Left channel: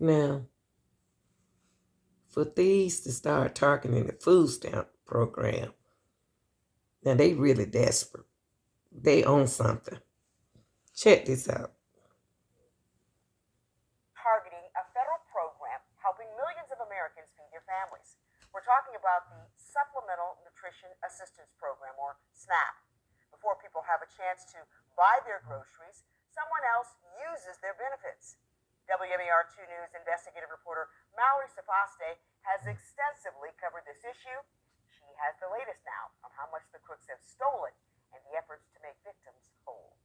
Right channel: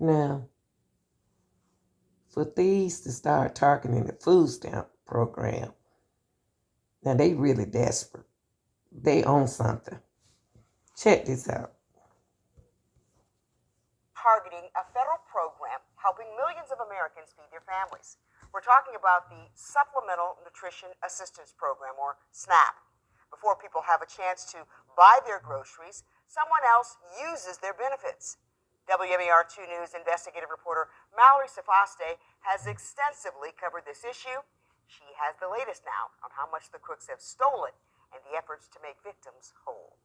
Now, for Thieves to start targeting the food stamp program, now they really desperate. They own something. Check this out. Targeting a federal program helping millions of Americans feed their families. We're talking about the Supplemental Nutrition Assistance Program, or SNAP. Before people have a chance to buy their groceries, someone else uses their benefits. WMAR 2 News investigative reporter Mallory Safaste has extensively covered this issue. She has the latest now on how much the crooks have stolen and the efforts to make victims whole.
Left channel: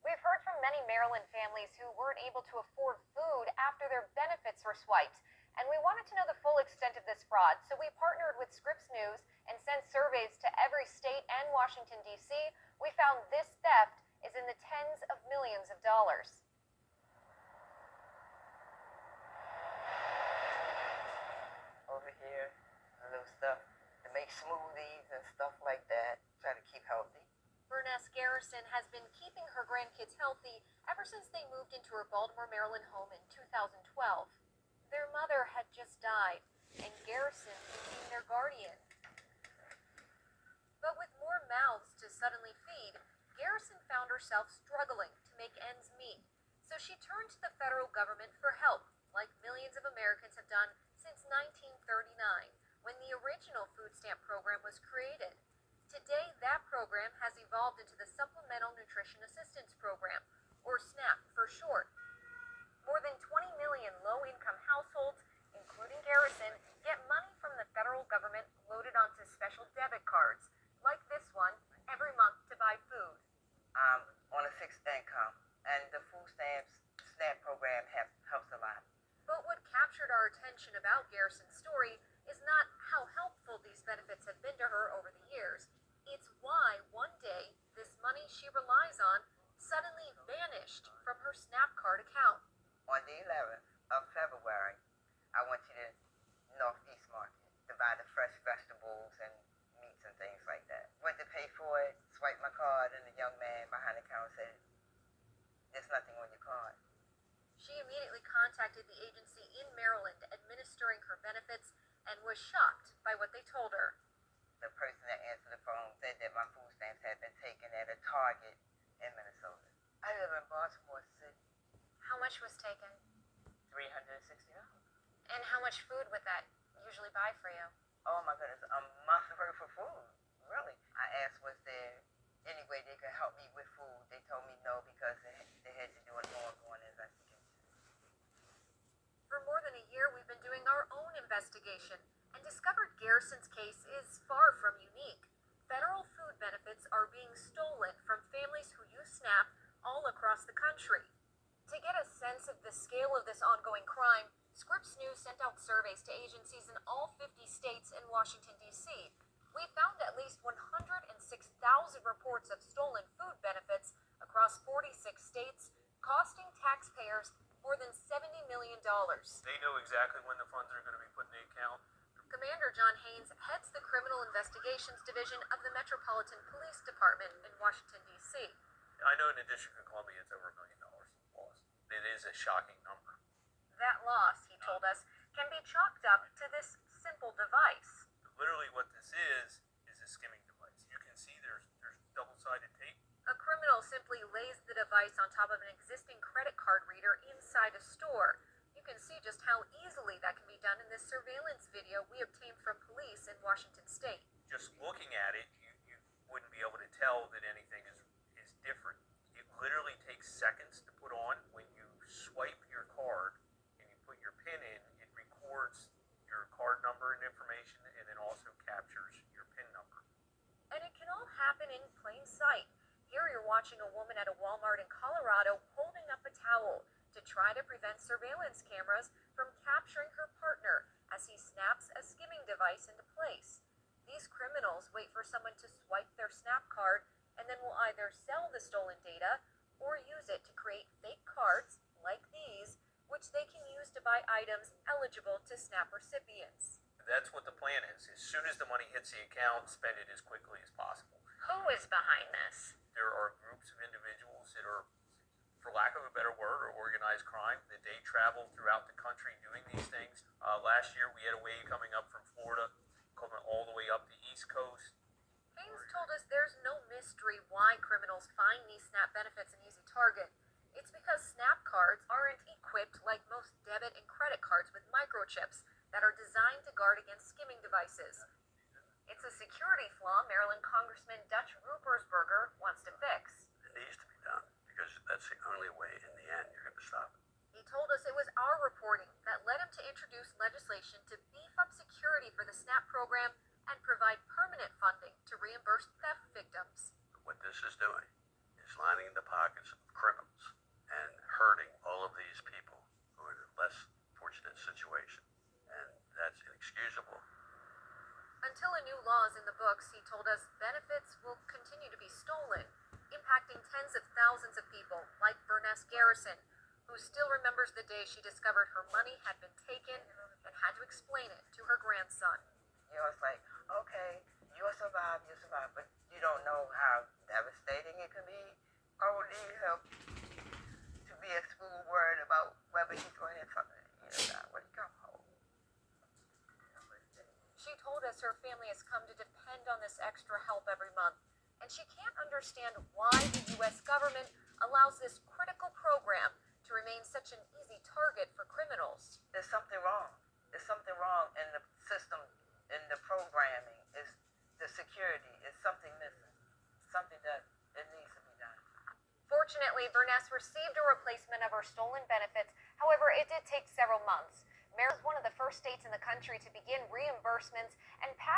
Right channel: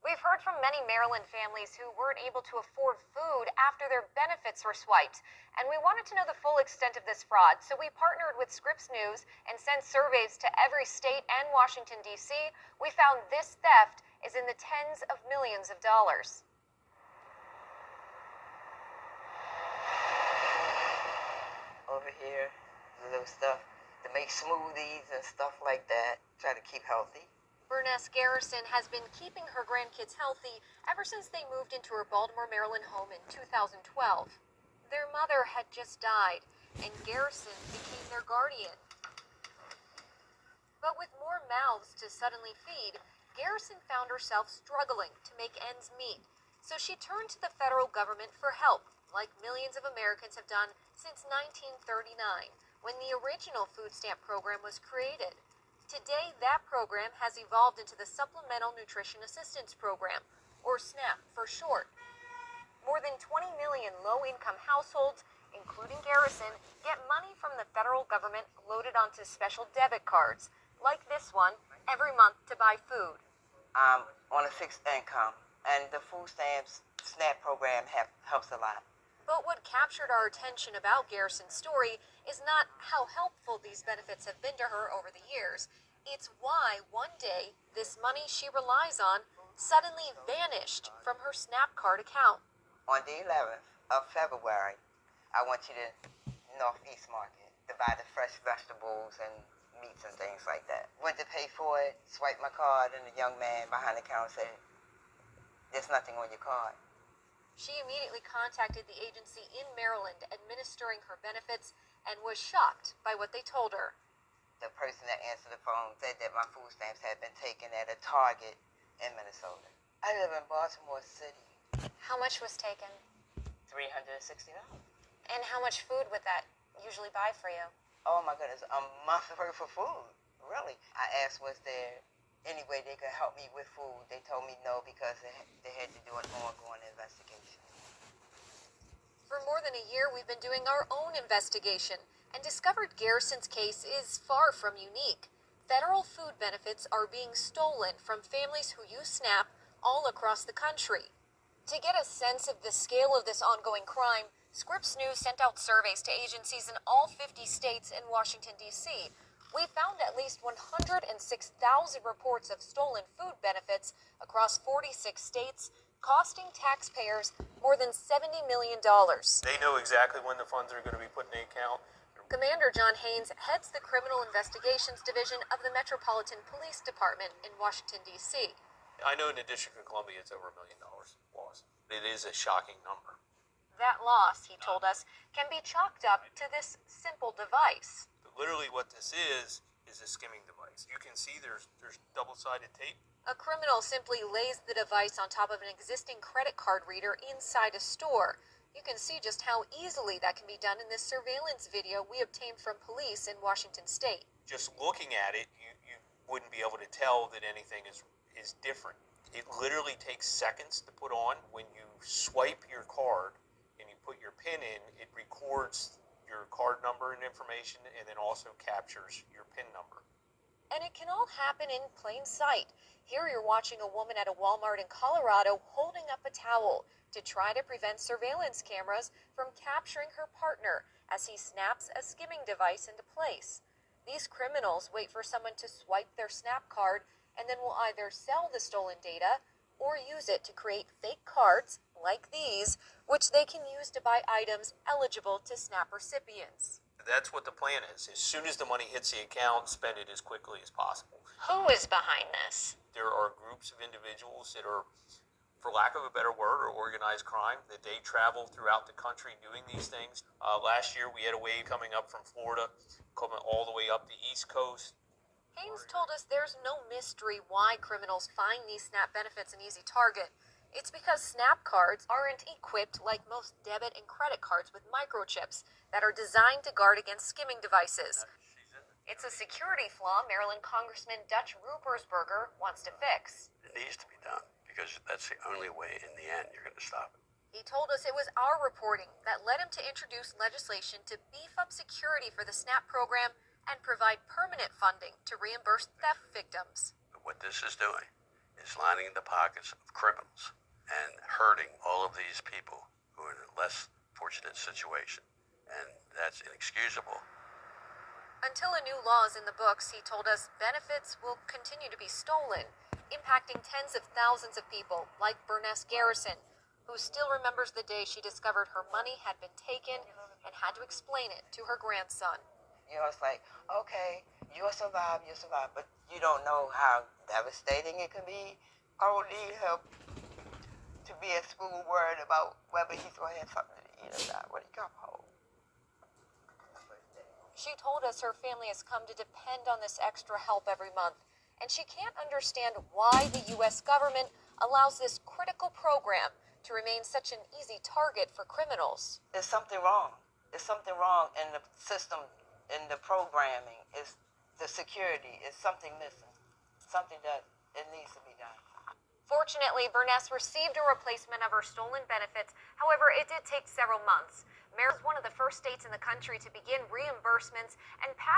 We've heard from many Maryland families who weren't able to afford food after their benefits were swiped. And we wanted to know the full extent of this fraud. So we partnered with Scripps News and sent surveys to every state and Washington, D.C. We found this theft is in the tens of millions of dollars. Over here, the little stuff to make smoothies and stuff like that. Try to keep healthy. Burness Garrison has been keeping her grandkids healthy ever since they moved into her Baltimore, Maryland home in 2012. Their mother had just died, and Garrison became their guardian. But with more mouths to suddenly feed, Garrison found herself struggling to make ends meet. So she turned to the federal government for help, like millions of Americans have done since 1939, when the original food stamp program was created. Today, that program has evolved into the Supplemental Nutrition Assistance Program, or SNAP for short. More than 20 million low-income households, including Garrison, get money from the federal government loaded onto special debit cards, like this one, every month to buy food. I'm on a fixed income, and the food stamps SNAP program helps a lot. But what captured our attention about Garrison's story is not how helpful these benefits have been to her over the years. It's why one day this money she relies on suddenly vanished from her SNAP card account. On the 11th of February, I went to the Northeast Market to buy the fresh vegetables and meats and things like that. Went to pay for it, swiped my card, and the young man behind the counter said, "There's nothing on your card." She immediately contacted the agency in Maryland administering her benefits and was shocked by what they told her. The person that answered the phone said that my food stamps had been taken at a Target in Minnesota. I live in Baltimore City. How much was taken? $360. And how much food would that usually buy for you? Oh my goodness, a month worth of food. Really? I asked, was there any way they could help me with food? They told me no, because they had to do an ongoing investigation. For more than a year, we've been doing our own investigation and discovered Garrison's case is far from unique. Federal food benefits are being stolen from families who use SNAP all across the country. To get a sense of the scale of this ongoing crime, Scripps News sent out surveys to agencies in all 50 states and Washington, D.C. We found at least 106,000 reports of stolen food benefits across 46 states, costing taxpayers more than $70 million. They know exactly when the funds are going to be put in the account. Commander John Haynes heads the Criminal Investigations Division of the Metropolitan Police Department in Washington, D.C. I know in the District of Columbia it's over $1 million lost. It is a shocking number. That loss, he told us, can be chalked up to this simple device. Literally what this is a skimming device. You can see there's double-sided tape. A criminal simply lays the device on top of an existing credit card reader inside a store. You can see just how easily that can be done in this surveillance video we obtained from police in Washington State. Just looking at it, you wouldn't be able to tell that anything is different. It literally takes seconds to put on. When you swipe your card and you put your PIN in, it records your card number and information, and then also captures your PIN number. And it can all happen in plain sight. Here you're watching a woman at a Walmart in Colorado holding up a towel to try to prevent surveillance cameras from capturing her partner as he snaps a skimming device into place. These criminals wait for someone to swipe their SNAP card and then will either sell the stolen data or use it to create fake cards like these, which they can use to buy items eligible to SNAP recipients. That's what the plan is. As soon as the money hits the account, spend it as quickly as possible. Who is behind this? There are groups of individuals that are for lack of a better word, or organized crime, that they travel throughout the country doing these things. Last year, we had a wave coming up from Florida, coming all the way up the East Coast. Haynes told us there's no mystery why criminals find these SNAP benefits an easy target. It's because SNAP cards aren't equipped like most debit and credit cards with microchips that are designed to guard against skimming devices. It's a security flaw Maryland Congressman Dutch Ruppersberger wants to fix. It needs to be done because that's the only way in the end you're going to stop it. He told us it was our reporting that led him to introduce legislation to beef up security for the SNAP program and provide permanent funding to reimburse theft victims. But what this is doing is lining the pockets of criminals and hurting all of these people who are in a less fortunate situation. And that's inexcusable. Until a new law is in the books, he told us benefits will continue to be stolen, impacting tens of thousands of people, like Burness Garrison, who still remembers the day she discovered her money had been taken and had to explain it to her grandson. You know, it's like, okay, you'll survive, but you don't know how devastating it can be. I don't need him to be at school worried about whether he's going to have something to eat or not when he comes home. She told us her family has come to depend on this extra help every month, and she can't understand why the U.S. government allows this critical program to remain such an easy target for criminals. There's something wrong. There's something wrong in the system, in the programming. It's the security. It's something missing. Something that it needs to be done. Fortunately, Burness received a replacement of her stolen benefits. However, it did take several months. Maryland was one of the first states in the country to begin reimbursements and